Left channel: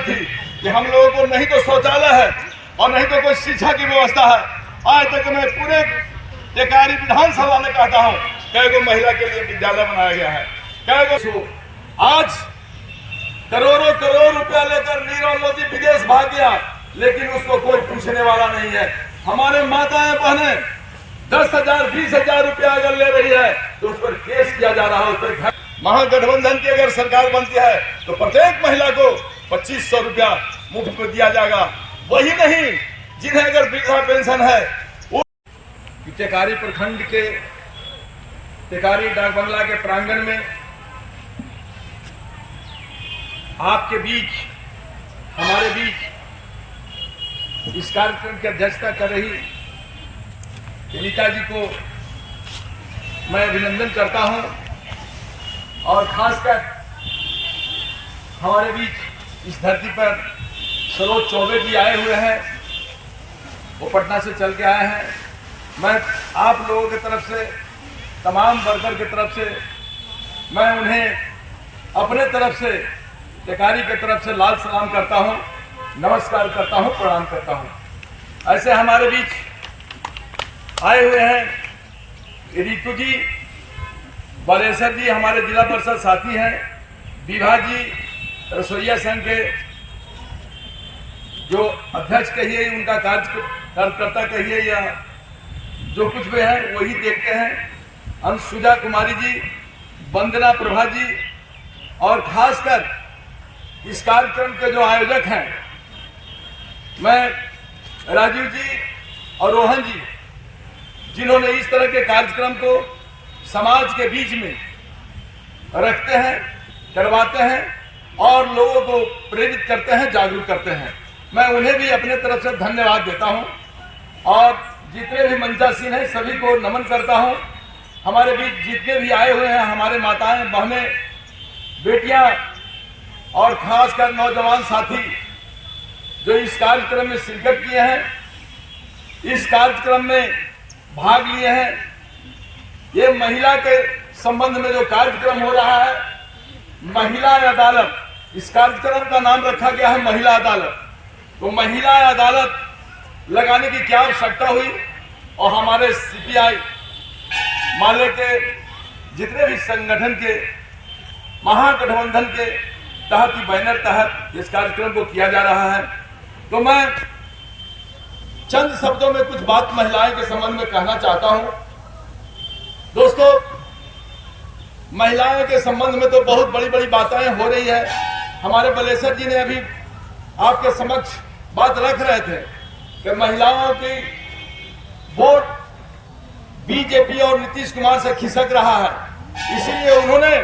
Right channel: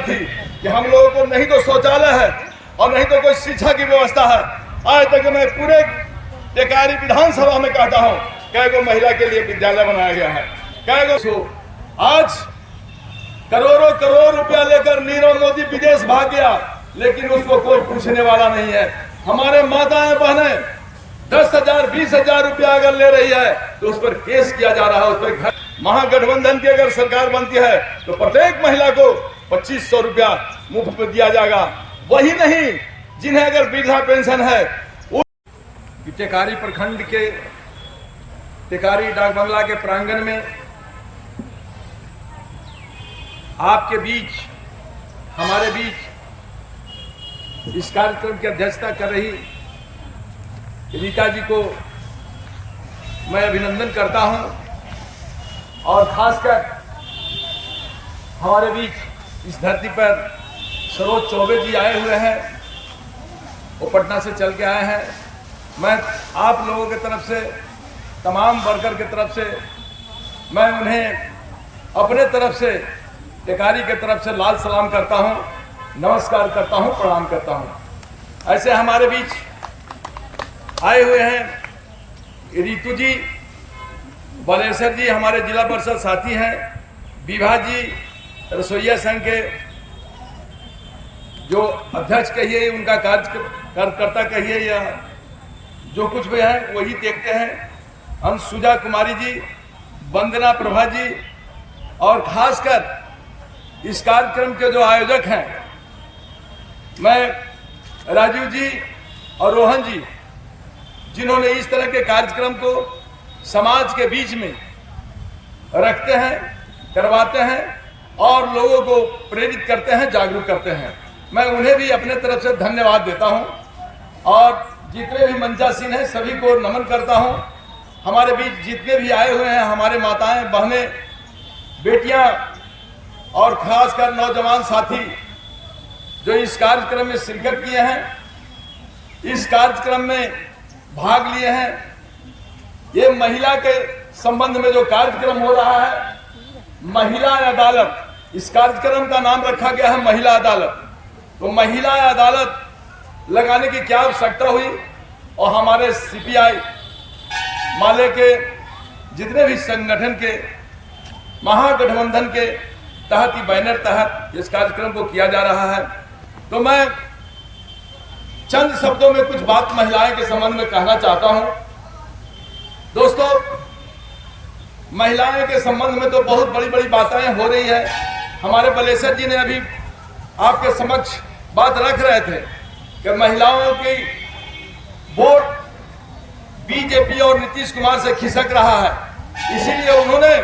रही थी कि हम लोगों को नहीं तो शौचालय है और नहीं तो कोई शिक्षा की व्यवस्था है। आज तक मैं पूरे टेकारी विधानसभा में कहता हूँ कई गो महिला के लिए विद्यालय बनाया गया है, कई गो। आज करोड़ों करोड़ रुपया लेकर नीरव मोदी विदेश भाग गया, लेकिन उसको कोई पूछने वाला नहीं है। हमारे माताएं बहनें 10,000 20,000 रुपया अगर ले रही है तो उस पर केस किया जा रहा है, उस पर घर। महागठबंधन की अगर सरकार बनती है तो प्रत्येक महिला को 2500 रुपया मुफ्त में दिया जाएगा। वही नहीं, जिन्हें अगर वृद्धा पेंशन है। टेकारी प्रखंड के टेकारी डाक बंगला के प्रांगण में आपके बीच, हमारे बीच इस कार्यक्रम की अध्यक्षता कर रही रीता जी को मैं अभिनंदन करता हूं, और खासकर हमारे बीच इस धरती पर सरोज चौबे जी आए हुए हैं, वो पटना से चल के आए हैं। मैं आप लोगों की तरफ से, तमाम वर्कर की तरफ से, मैं उन्हें अपने तरफ से, टेकारी की तरफ से लाल सलाम करता हूं, नमस्कार करता हूं, प्रणाम करता हूं। ऐसे हमारे बीच आए हुए हैं रितु जी, बालेश्वर जी हमारे जिला परिषद साथी हैं, विभा जी रसोईया संघ के जो अध्यक्ष कहिए, उनका कार्यकर्ता कहिए, या जो कुछ भी है वही देखते हैं, अंशुजा कुमारी जी, वंदना प्रभा जी, और खासकर इस कार्यक्रम के जो आयोजक हैं, मैं राजीव जी और रोहन जी, जिन्होंने इस तरह के कार्यक्रम को समाज के बीच में रखते हैं, करवाते हैं और लोगों को प्रेरित करते हैं, जागरूक करते हैं। मैं उन्हें भी अपने तरफ से धन्यवाद देता हूं, और जितने भी मंचासीन हैं सभी को नमन करता हूं। हमारे बीच जितने भी आए हुए हैं, हमारे माताएं, बहनें, बेटियां और खासकर नौजवान साथी जो इस कार्यक्रम में शिरकत किए हैं, इस कार्यक्रम में भाग लिए हैं। ये महिला के संबंध में जो कार्यक्रम हो रहा है, महिला अदालत, इस कार्यक्रम का नाम रखा गया है महिला अदालत। तो महिला अदालत लगाने की क्या आवश्यकता हुई, और हमारे सीपीआई माले के जितने भी संगठन के, महागठबंधन के तहत ही बैनर तहत इस कार्यक्रम को किया जा रहा है। तो मैं चंद शब्दों में कुछ बात महिलाएं के संबंध में कहना चाहता हूं। दोस्तों, महिलाओं के संबंध में तो बहुत बड़ी बड़ी बातें हो रही है। हमारे बालेश्वर जी ने अभी आपके समक्ष बात रख रहे थे कि महिलाओं की वोट बीजेपी और नीतीश कुमार से खिसक रहा है, इसीलिए उन्होंने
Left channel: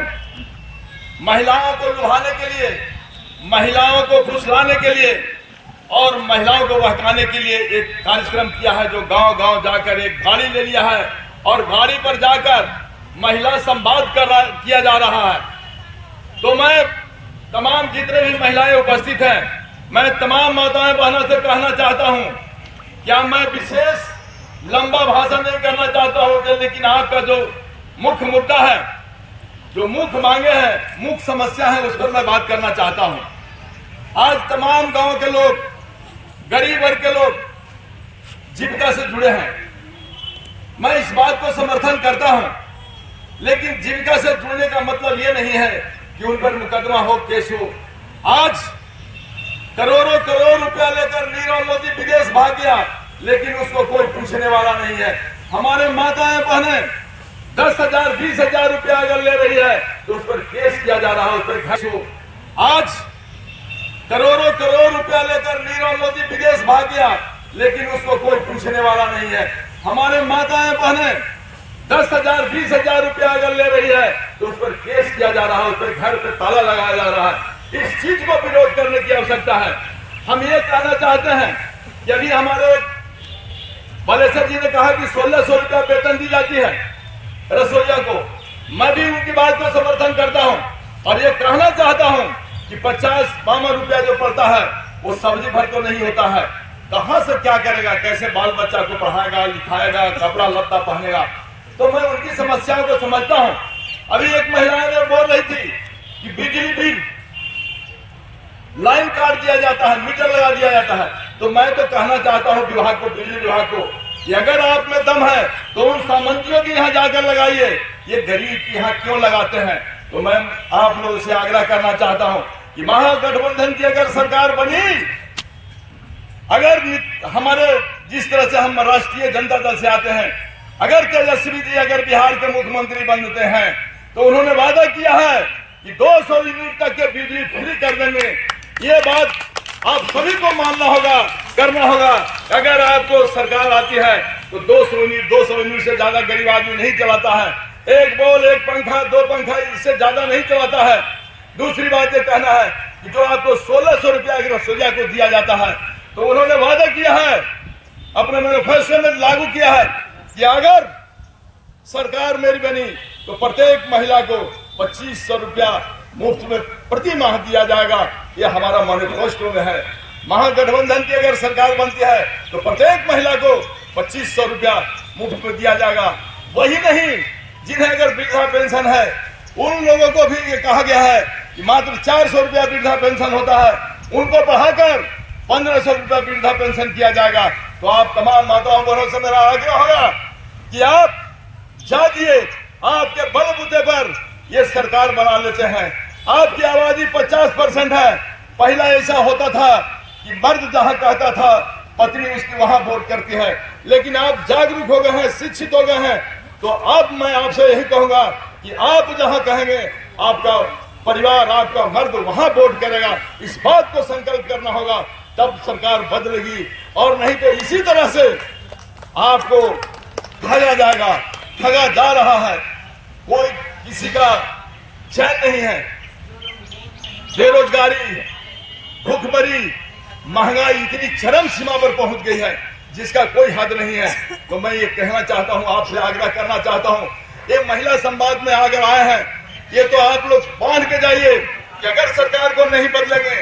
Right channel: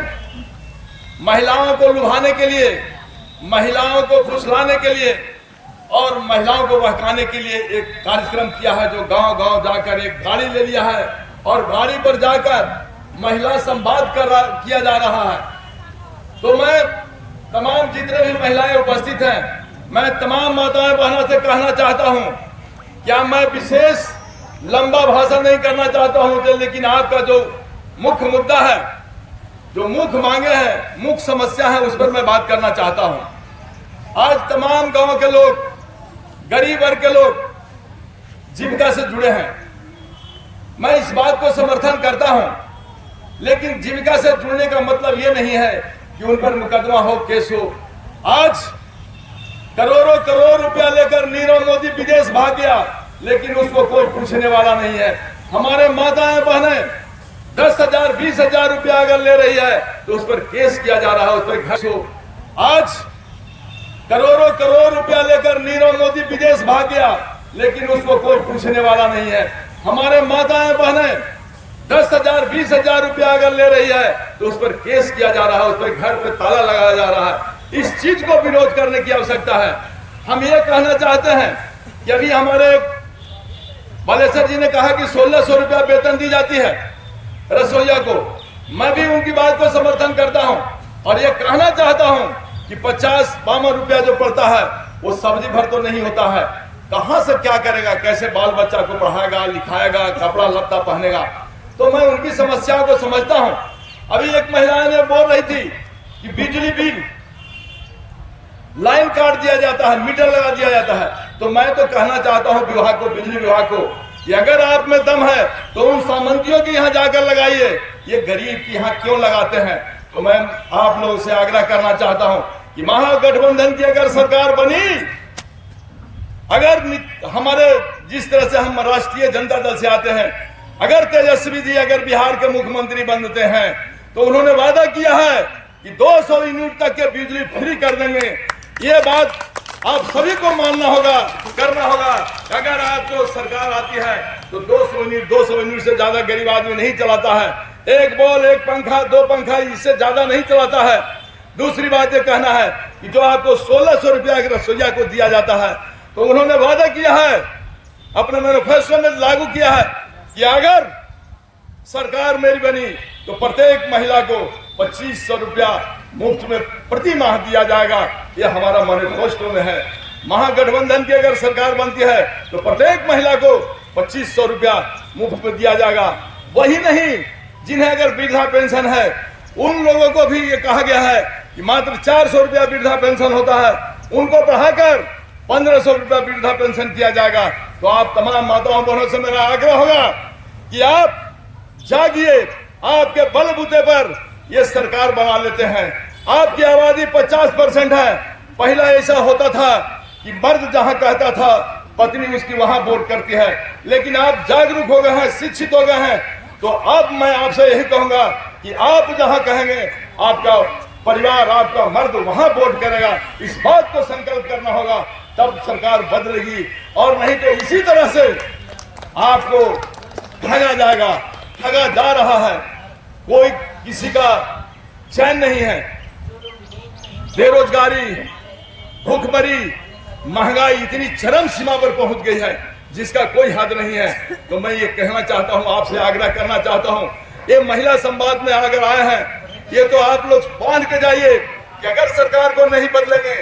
महिलाओं को लुभाने के लिए, महिलाओं को फुसलाने के लिए और महिलाओं को बहकाने के लिए एक कार्यक्रम किया है, जो गांव-गांव जाकर एक गाड़ी ले लिया है और गाड़ी पर जाकर महिला संवाद किया जा रहा है। तो मैं तमाम जितने भी महिलाएं उपस्थित हैं, मैं तमाम माताएं बहनों से कहना चाहता हूं, क्या मैं विशेष लंबा भाषण नहीं करना चाहता हूं, लेकिन आपका जो मुख्य मुद्दा है, जो मुख्य मांगे हैं, मुख्य समस्या है, उस पर मैं बात करना चाहता हूं। आज तमाम गांव के लोग, गरीब वर्ग के लोग जीविका से जुड़े हैं। मैं इस बात को समर्थन करता हूं, लेकिन जीविका से जुड़ने का मतलब यह नहीं है कि उन पर मुकदमा हो, केस हो। आज करोड़ों करोड़ रुपया लेकर नीरव मोदी विदेश भाग गया, लेकिन उसको कोई पूछने वाला नहीं है। हमारे माताएं बहनें 10,000 20,000 रुपया अगर ले रही है तो उस पर केस किया जा रहा है, उस पर घर हो। आज करोड़ों करोड़ रुपया लेकर नीरव मोदी विदेश भाग गया, लेकिन उसको कोई पूछने वाला नहीं है। हमारे माताएं बहनें 10,000 20,000 रुपया अगर ले रही है तो उस पर केस किया जा रहा है, उस पर घर पे ताला लगाया जा रहा है। इस चीज को विरोध करने की आवश्यकता है। हम ये कहना चाहते हैं कि अभी हमारे बालेश्वर जी ने कहा कि 1600 रुपया वेतन दी जाती है रसोईया को। मैं भी उनकी बात को समर्थन करता हूं, और ये कहना चाहता हूं कि 50-52 रुपया जो पड़ता है वो सब्जी भर तो नहीं होता है। कहां से क्या करेगा, कैसे बाल बच्चा को पढ़ाएगा, लिखाएगा, कपड़ा लत्ता पहनेगा। तो मैं उनकी समस्याओं को समझता हूं। अभी एक महिला ने बोल रही थी कि बिजली बिल लाइन काट दिया जाता है, मीटर लगा दिया जाता है। तो मैं तो कहना चाहता हूं विभाग को, बिजली विभाग को, कि अगर आप में दम है तो उन सामंतियों की यहाँ जाकर लगाइए, ये गरीब की यहाँ क्यों लगाते हैं। तो मैं आप लोगों से आग्रह करना चाहता हूं कि महागठबंधन की अगर सरकार बनी, अगर हमारे जिस तरह से हम राष्ट्रीय जनता दल से आते हैं, अगर तेजस्वी जी अगर बिहार के मुख्यमंत्री बनते हैं तो उन्होंने वादा किया है कि 200 यूनिट तक के बिजली फ्री कर देंगे। ये बात आप सभी को मानना होगा, करना होगा। अगर आपको सरकार आती है तो 200 यूनिट से ज्यादा गरीब आदमी नहीं चलाता है। एक बॉल, एक पंखा, 2 पंखा, इससे ज्यादा नहीं चलाता है। दूसरी बात ये कहना है कि जो आपको 1600 रुपया अगर रसोईया को दिया जाता है, तो उन्होंने वादा किया है, अपने मैनिफेस्टो में लागू किया है कि अगर सरकार मेरी बनी तो प्रत्येक महिला को 2500 रुपया मुफ्त में प्रति माह दिया जाएगा। ये हमारा मैनिफेस्टो में है। महागठबंधन की अगर सरकार बनती है तो प्रत्येक महिला को 2500 रुपया मुफ्त में दिया जाएगा। वही नहीं, जिन्हें अगर वृद्धा पेंशन है उन लोगों को भी ये कहा गया है कि मात्र 400 रुपया वृद्धा पेंशन होता है, उनको बढ़ाकर 1500 रुपया वृद्धा पेंशन किया जाएगा। तो आप तमाम माताओं बहनों से मेरा आग्रह होगा कि आप जागिए, आपके बलबूते पर ये सरकार बना लेते हैं। आपकी आबादी 50% है। पहला ऐसा होता था कि मर्द जहां कहता था पत्नी उसकी वहां वोट करती है, लेकिन आप जागरूक हो गए हैं, शिक्षित हो गए हैं। तो अब मैं आपसे यही कहूंगा कि आप जहां कहेंगे आपका परिवार, आपका मर्द वहां वोट करेगा। इस बात को संकल्प करना होगा, तब सरकार बदलेगी। और नहीं तो इसी तरह से आपको ठगा जाएगा, ठगा जा रहा है। कोई किसी का चैन नहीं है। बेरोजगारी, भूखमरी, महंगाई इतनी चरम सीमा पर पहुंच गई है जिसका कोई हद नहीं है। तो मैं ये कहना चाहता हूं, आपसे आग्रह करना चाहता हूं, ये महिला संवाद में अगर आए हैं, ये तो आप लोग बांध के जाइए कि अगर सरकार को नहीं बदलेंगे,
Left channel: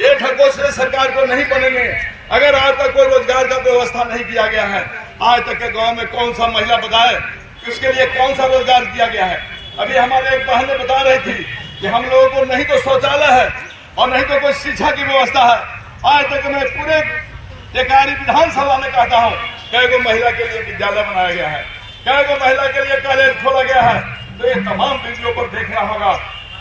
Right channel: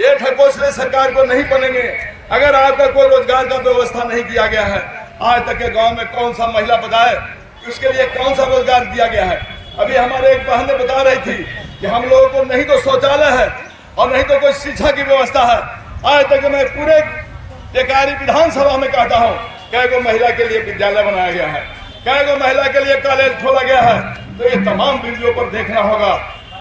ये ढकोसले सरकार को नहीं बनेंगे, अगर आपका कोई रोजगार का व्यवस्था नहीं किया गया है, आज तक के गांव में कौन सा महिला बताए उसके लिए कौन सा रोजगार दिया गया है। अभी हमारे एक बहन ने बता रही थी कि हम लोगों को नहीं तो शौचालय है और नहीं तो कोई शिक्षा की व्यवस्था है। आज तक मैं पूरे टेकारी विधानसभा में कहता हूँ, कई गो महिला के लिए विद्यालय बनाया गया है, कई गो महिला के लिए कॉलेज खोला गया है। तो ये तमाम बिंदुओं पर देखना होगा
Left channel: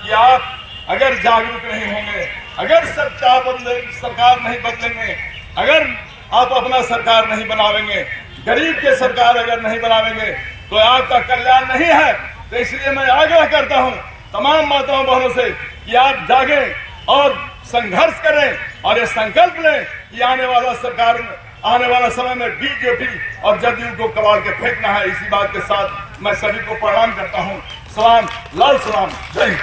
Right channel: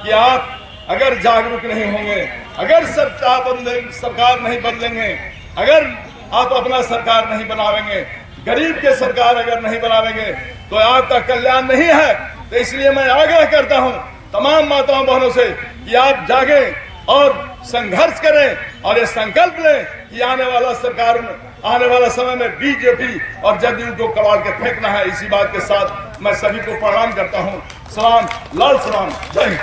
कि आप अगर जागरूक नहीं होंगे, अगर सरकार नहीं बदलेंगे, अगर आप अपना सरकार नहीं बनावेंगे, गरीब के सरकार अगर नहीं बनावेंगे, तो आपका कल्याण नहीं है। तो इसलिए मैं आग्रह करता हूं तमाम माताओं बहनों से कि आप जागें और संघर्ष करें और ये संकल्प लें कि आने वाला समय में बीजेपी और जदयू को कबाड़ के फेंकना है। इसी बात के साथ मैं सभी को प्रणाम करता हूं। सलाम, लाल सलाम, जय हिंद।